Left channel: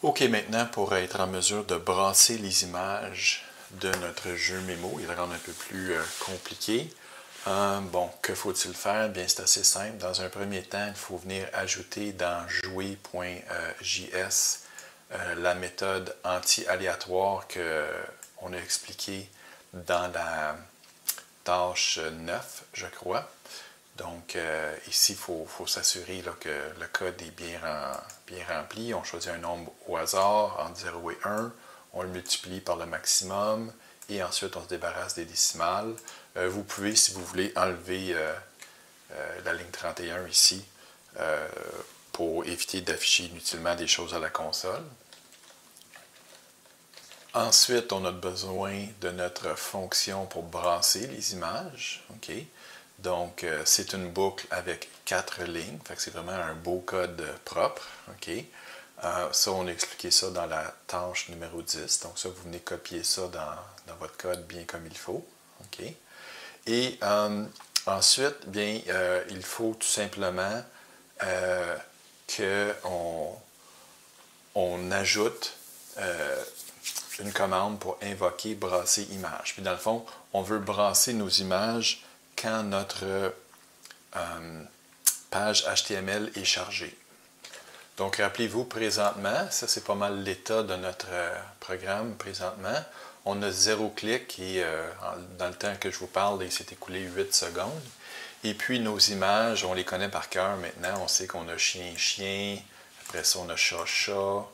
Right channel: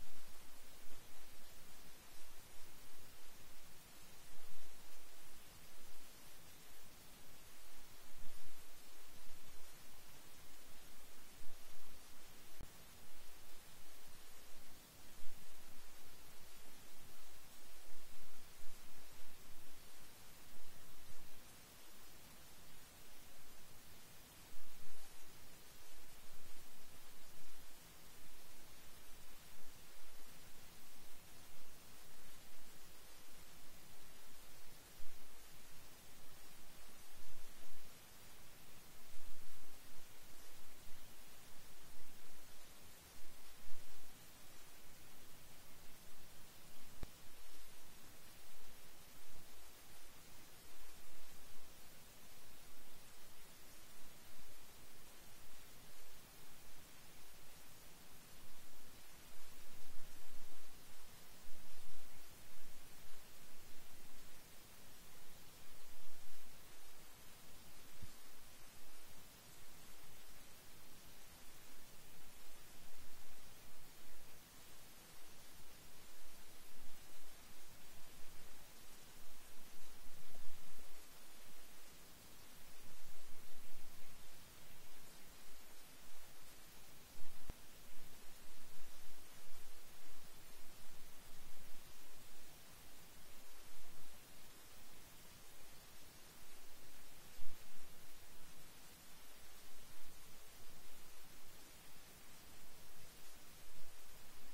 OK, maintenant, pour être en mesure de brasser les images de notre jeu mémo et le rendre un peu plus compliqué, bon, que faut-il faire? Bien, c'est assez simple. Dans un premier temps, il faut venir ajouter dans jouer.js la méthode anti-aléatoire qu'on a expliquée dans la tâche 9, je crois. Donc, ici, il faut s'assurer que le code est bien rempli. On choisit un nombre au hasard entre 0 et 1. On le multiplie par le maximum. Et ensuite, on se débarrasse des décimales. Vous pouvez, si vous voulez, enlever la ligne 31 ici pour éviter d'afficher inutilement des choses à la console. Ensuite, on a besoin de notre fonction pour brasser les images. OK? Donc, c'est une boucle avec 4 lignes. Fait que c'est vraiment un beau code propre. OK? Ça, on a expliqué ça dans la tâche numéro 10. Donc, ça, vous venez copier ça dans votre code bien comme il faut. OK? Et ensuite, bien, il faut tout simplement qu'on ajoute une commande pour invoquer brasser image. Puis dans le fond, on veut brasser nos images quand notre page HTML est chargée. Donc, rappelez-vous, présentement, ça c'est pas mal l'état de notre programme présentement. On a 0 clic et dans le temps que je vous parle, il s'est écoulé 8 secondes. Et puis, nos images, on les connaît par cœur maintenant. On sait qu'on a chien-chien, après ça, on a chat-chat,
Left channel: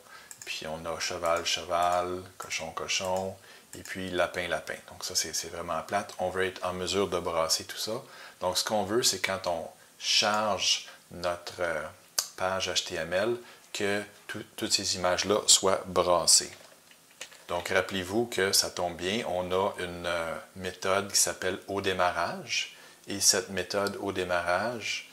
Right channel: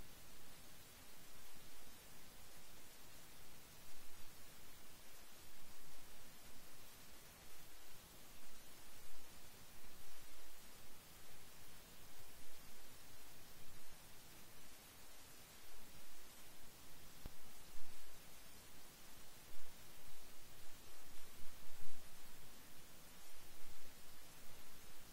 puis on a cheval-cheval, cochon-cochon, et puis lapin-lapin. Donc ça, c'est vraiment plate. On veut être en mesure de brasser tout ça. Donc ce qu'on veut, c'est quand on charge notre page HTML, que toutes ces images-là soient brassées. Donc rappelez-vous que ça tombe bien, on a une méthode qui s'appelle au démarrage. Et cette méthode au démarrage,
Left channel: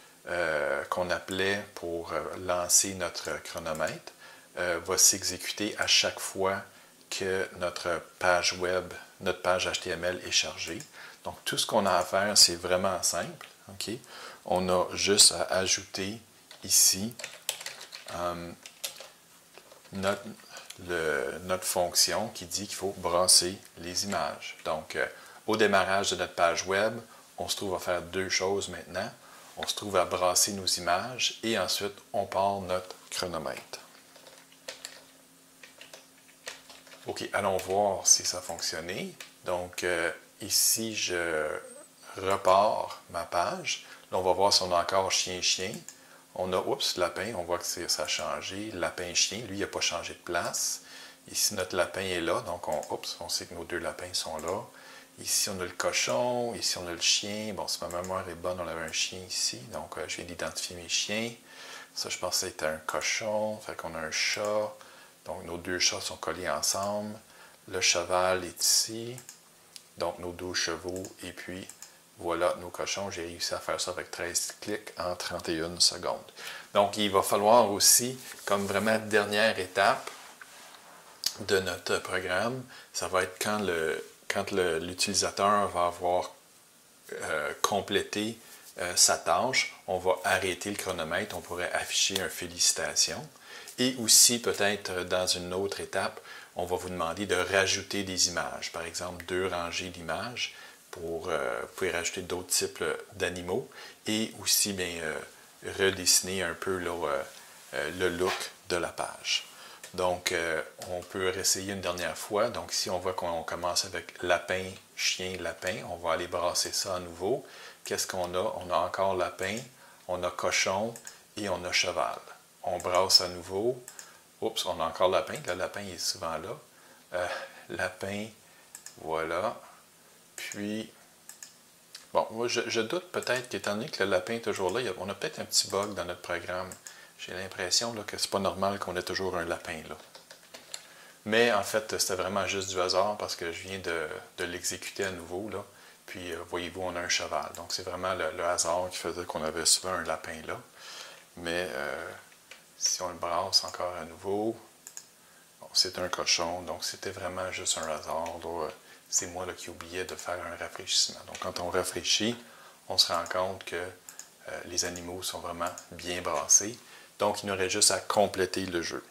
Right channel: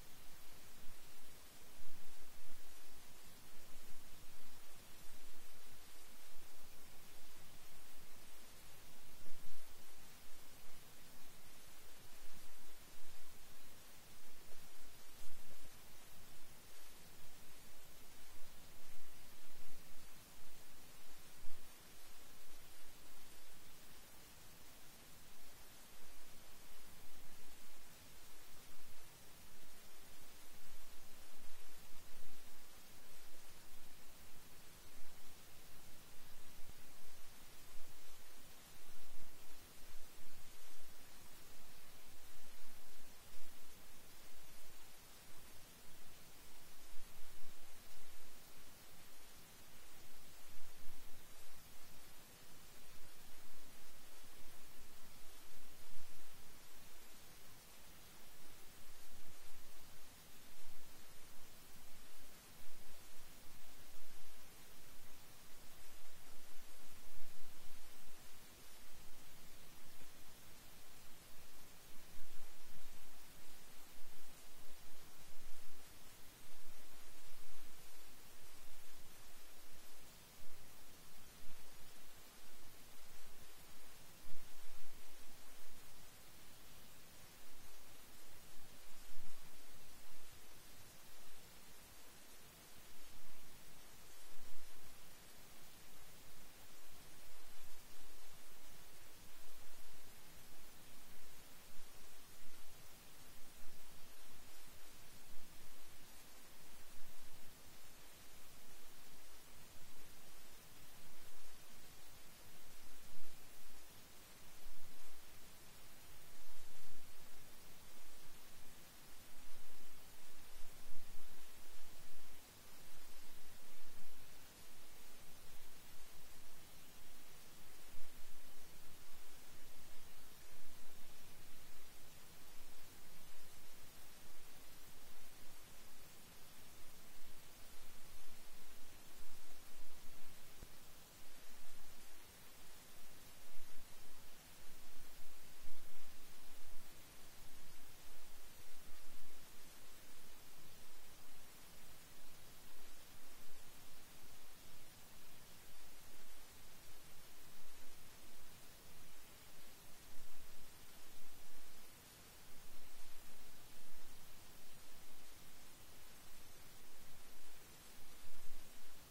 qu'on appelait pour lancer notre chronomètre, va s'exécuter à chaque fois que notre page web, notre page HTML est chargée. Donc, tout ce qu'on a à faire, c'est vraiment simple. Okay? On a juste à ajouter ici notre fonction qui dit qu'il faut brasser les images. Donc, au démarrage de notre page web, on se trouve à faire deux choses maintenant. On se trouve à brasser nos images et ensuite, on part notre chronomètre. OK, allons voir si ça a fonctionné. Donc, ici, je repars ma page. Là, on va voir si on a encore chien-chien. On a, oups, lapin, on voit que ça a changé. Lapin-chien, lui, il n'a pas changé de place. Ici, notre lapin est là, donc on sait que nos deux lapins sont là. Ici, on a le cochon. Ici, on a le chien. Bon, si ma mémoire est bonne, on avait un chien ici. Donc, je viens d'identifier mes chiens. Ça, je pensais que c'était un cochon. Fait qu'on a un chat. Donc, nos deux chats sont collés ensemble. Le cheval est ici. Donc, nos 12 chevaux. Et puis, voilà nos cochons. J'ai réussi à faire ça avec 13 clics en 31 secondes. Donc, il va falloir aussi, comme vraiment dernière étape de notre programme, ça va être quand l'utilisateur va avoir complété sa tâche, on va arrêter le chronomètre. On pourrait afficher un félicitations. Et aussi, peut-être dans une autre étape, on va vous demander de rajouter des images. Par exemple, 2 rangées d'images pour vous pouvez rajouter d'autres types d'animaux. Et aussi, bien, redessiner un peu le look de la page. Donc, on peut réessayer une dernière fois. Donc, ici, on voit qu'on commence avec lapin, chien, lapin. On va aller brasser ça à nouveau. Qu'est-ce qu'on a? On a encore lapin, on a cochon et on a cheval. On brasse à nouveau. Oups, on a encore lapin. Le lapin est souvent là. Lapin, voilà. Puis, bon, moi, je doute peut-être qu'étant donné que le lapin est toujours là, on a peut-être un petit bug dans notre programme. J'ai l'impression que c'est pas normal qu'on ait toujours un lapin là. Mais en fait, c'était vraiment juste du hasard parce que je viens de l'exécuter à nouveau là. Puis, voyez-vous, on a un cheval. Donc, c'est vraiment le hasard qui faisait qu'on avait souvent un lapin là. Mais si on le brasse encore à nouveau, bon, c'est un cochon. Donc, c'était vraiment juste un hasard. C'est moi là, qui oubliais de faire un rafraîchissement. Donc, quand on rafraîchit, on se rend compte que les animaux sont vraiment bien brassés. Donc, il nous reste juste à compléter le jeu.